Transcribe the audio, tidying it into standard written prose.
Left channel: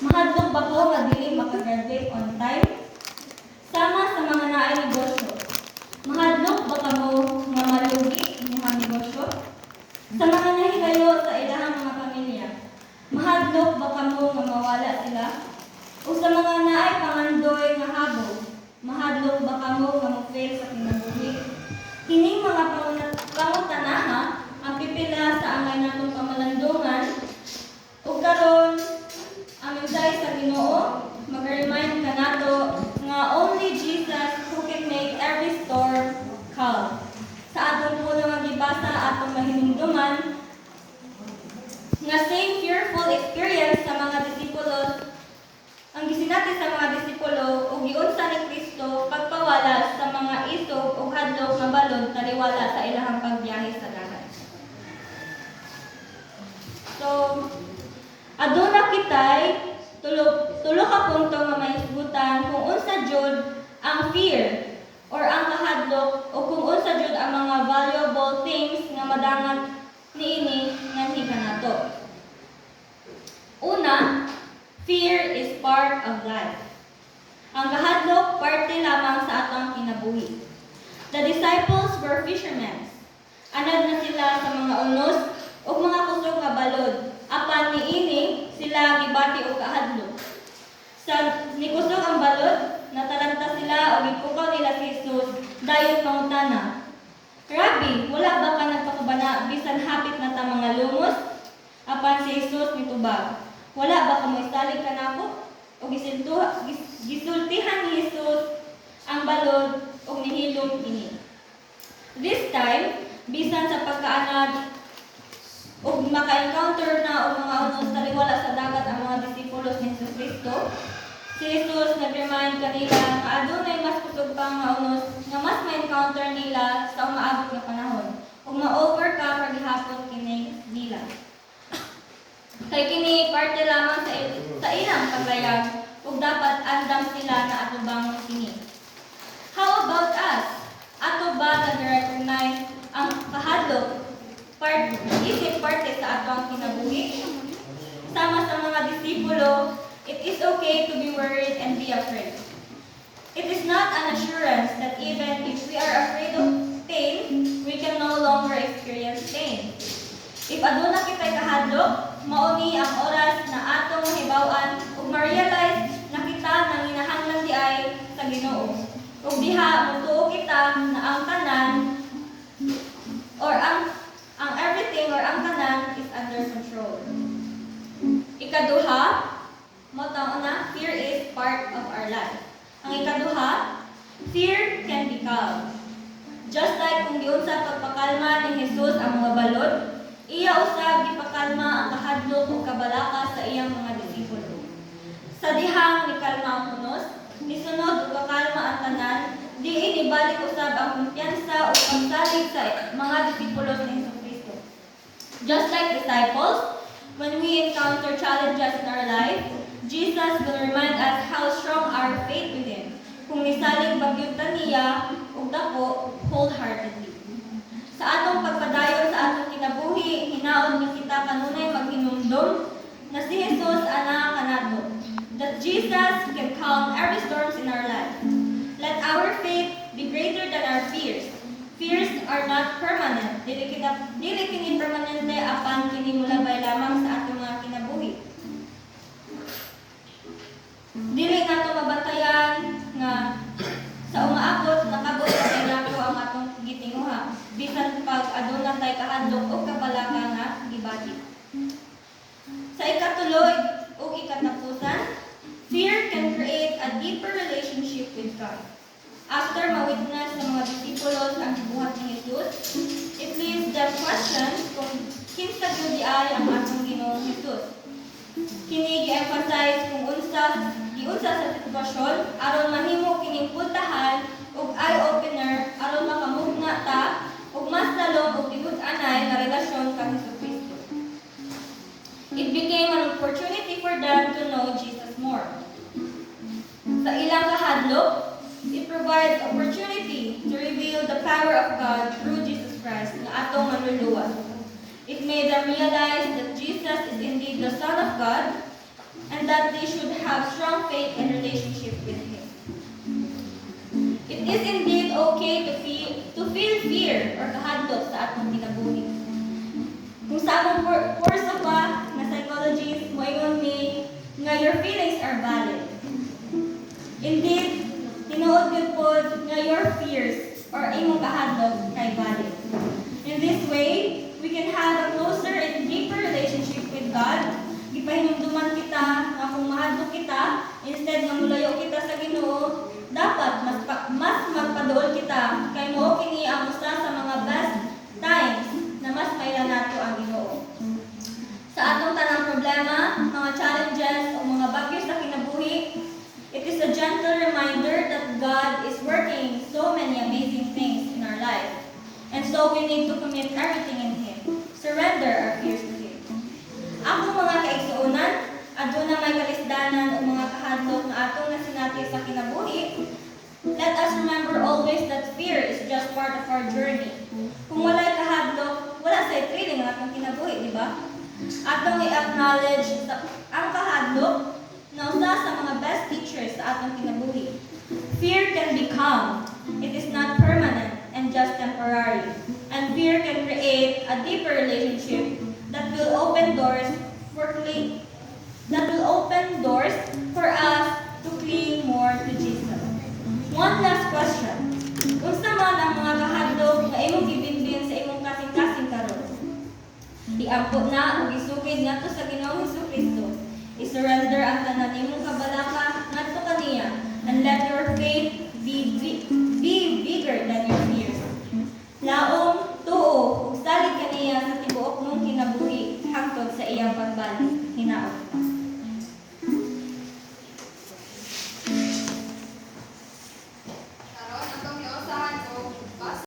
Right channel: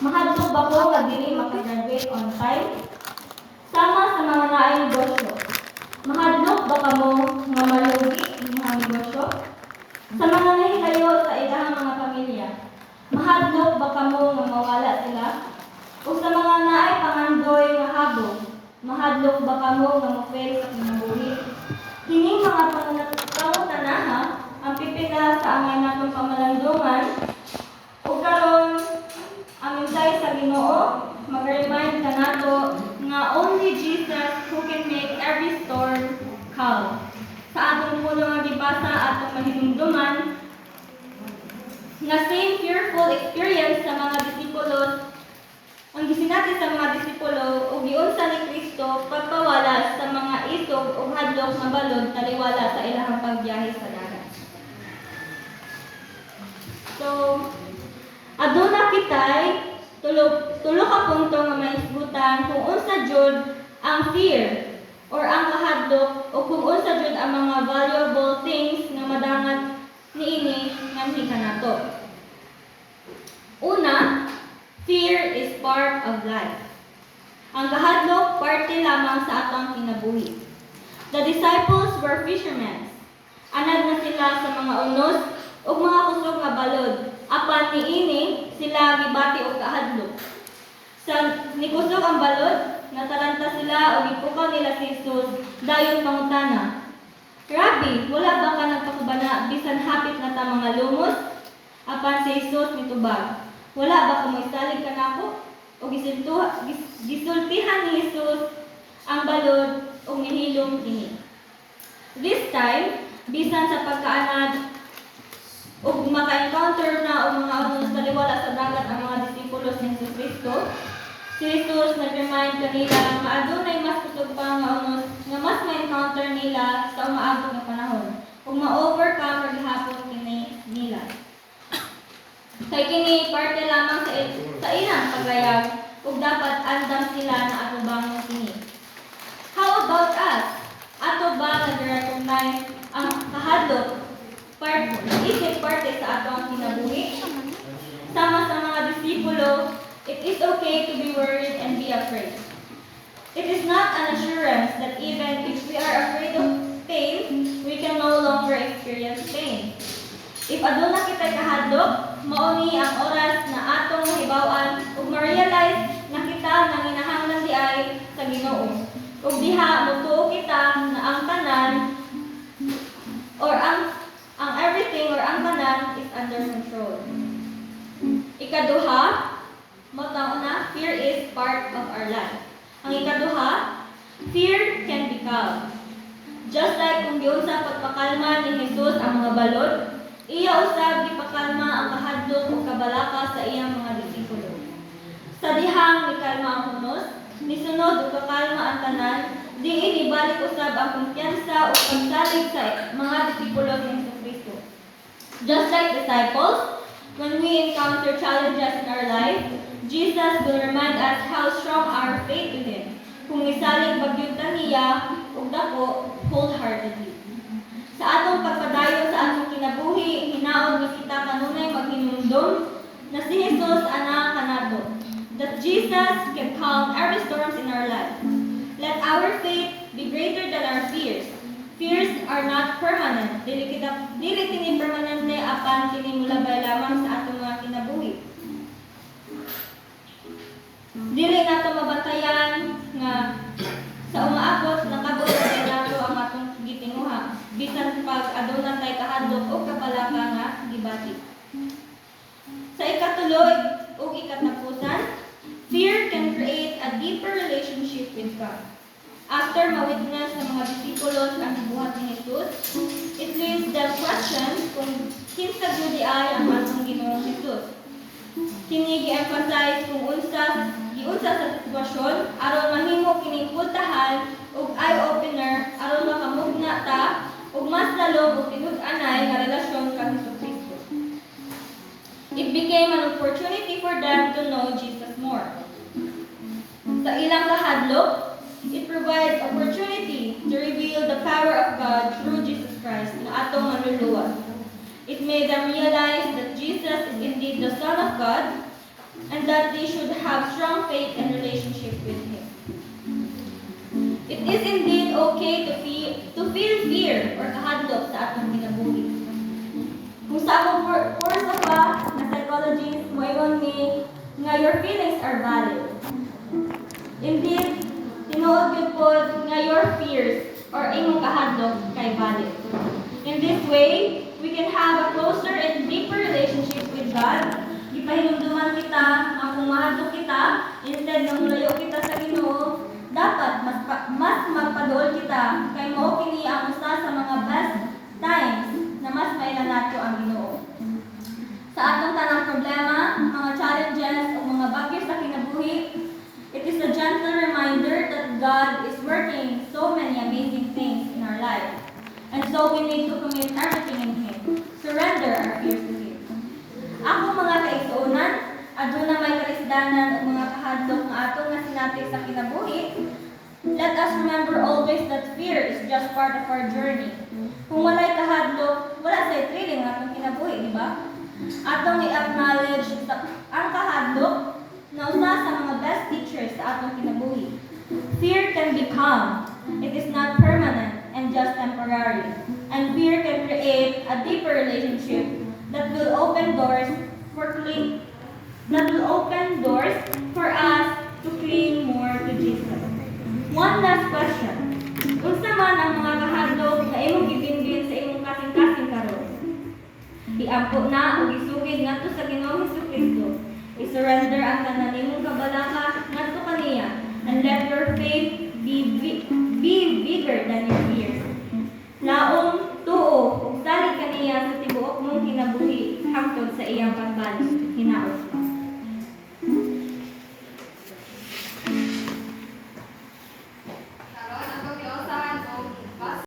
Mahadlok ba ko nga dili makagraduate on time? Sama sa mga naay negosyo. Mahadlok ba kamo nga malugi imong negosyo? Sa mga nahilayo sa ilahang mga pamilya, mahadlok ba kamo nga mawala sila? O sa mga naay pangandoy nga habog, mahadlok ba kamo nga mo-fail sa kinabuhi? Kining mga pangutanaha ang pipila sa angay natong pamalandungan ug karon ang mensahe sa Ginoo mag-remind ka nato nga only Jesus who can make every storm calm. Sa atong puno nga gibasa atong mahinumduman nga same fearful experience sa mga disipulos ang gisinati sa mga disipulo ug giunsa ni Kristo pagpawala sa mga isog ug hadlok nga balod taliwala sa ilahang pagbiyahe sa dagat. So, aduna kitay tulo ka punto nga maisgutan kung unsa jud ang fear or ang kahadlok o kung unsa jud ang mga valuable things nga madangan niini nganhi kanato. Una, fear is part of life. Ang kahadlok parte lamang sa atong kinabuhi. The disciples were fishermen. Anad na sila sa mga unos ug mga kusog nga balod. Apan niini sila gibati og kahadlok. Sa nikusog ang balod, nataranta sila ug ipukaw nila si Jesus dayon mangutana. Rabbi, wala ba ka nagpakubana bisan hapit na ta mga lumos? Apan si Jesus mitubag. Wala ba ka moisalig kanako? O gisultihan ni Jesus ang balod o nihilom kini. This time, bisan sa pagkaanad o maka-encounter na o mga unos taliwala sa dagat ang mga disipulos ni Jesus Kristo, si Jesus nag-remind kanila nga adunay mas kusog pa nga unos nga mas ma-encounter nila sa umaabot nga panahon o ma-overcome paghihapon kini nila. Kay kini parte lamang sa ilang paglayag ug dapat andam sila na atubang kini. How about us? Ato ba nag-recognize ang kahadlok isip parte sa atong kinabuhi? Sama sa mga disipulo, it is okay to be worried and be afraid. It is not an assurance that even if we are afraid of pain, we can no longer experience pain. If aduna kitay kahadlok, mao ni ang oras na atong mahibaw-an ug ma-realize na kita nanginahanglan di ay sa Ginoo. Ug diha motuo kita na ang tanan or ang everything or ang tanan is under control. Ikaduha, motang una, fear is part of our life. Ang ikaduha, fear can be calm. Just like kung giunsa pagpakalma ni Jesus ang mga balod, iya usab gipakalma ang kahadlok ug kabalaka sa iyang mga disipulo. Sa dihang nikalma ang hunos, nisunod ug kakalma ang tanan, diin ibalik usab ang kumpiyansa ug pagsalig sa mga disipulo ni Jesus Kristo. Just like disciples, when we encounter challenges in our life, Jesus will remind us how strong our faith in Him. Kung misalig bagyod niya ug dako wholeheartedly. Sa atong pagpadayon sa atong kinabuhi, hinaon ni kita kanunay maghinumdom na si Jesus ana kanato. That Jesus can calm every storms in our life. Let our faith be greater than our fears. Fears are not permanent. Dili kini permanente apan kini mulabay lamang sa atong mga kinabuhi. Dili nato mabantayan nga sa umaabot nakabot sa nato ang atong gitinguha bisan pag aduna tay kahadlok o kabalaka nga gibati. Sa ikatulo ug ikatapusan, fear can create a deeper relationship with God. After ma-witness ng mga disipulos ang buhat ni Jesus, it leaves them questions kung kinsa gyud ay ang atong Ginoong Jesus. Kini gi-emphasize kung giunsa sa sitwasyon aron mahimo kining pultahan ug eye-opener aron makamugna ta ug mas lalong ug tinud-anay nga relasyon kang Kristo. It became an opportunity for them to know Jesus more. Sa ilang kahadlok, it provides opportunity to reveal the power of God through Jesus Christ na atong manluluwas. It made them realize that Jesus is indeed the Son of God and that they should have strong faith and relationship with Him. It is indeed okay to feel fear or kahadlok sa atong kinabuhi. Kung sa among course of na psychologist, moingon ni nga your feelings are valid. Indeed, tinuod gyud pod nga your fears or imong kahadlok kay valid. In this way, we can have a closer and deeper relationship with God. Gipahinumduman kita nga kung mahadlok kita, instead nga mulayo kita sa Ginoo, dapat mas magpaduol kita kay mao kini ang usa sa mga best times na mas mailan nato ang Ginoo. Sa atong tanang problema, mga challenges o mga bagyo sa kinabuhi, it is a gentle reminder that God is working so many amazing things in our life. And so we need to commit everything in Him. Surrender our fears to Him. Ako mga kaigsuonan, aduna may kalisdanan o mga kahadlok nga atong nasinati sa kinabuhi, let us remember always that fear is just part of our journey. Kung walay kahadlok, wala sa thrilling ang atong kinabuhi, di ba? Atong i-acknowledge ang kahadlok na usa sa mga best teachers sa atong kinabuhi. Fear can be calm. It is not permanent and just temporary. And fear can create a deeper relationship that will open doors for us to cling more to Jesus. One last question. Unsa man ang mga kahadlok na imong gibinbin sa imong kasing-kasing karon? Iampo na o isugid ngadto sa Ginoong Hesukristo. I-surrender ang tanan nimong kabalaka ngadto kaniya and let your faith be bigger than your fears. Laom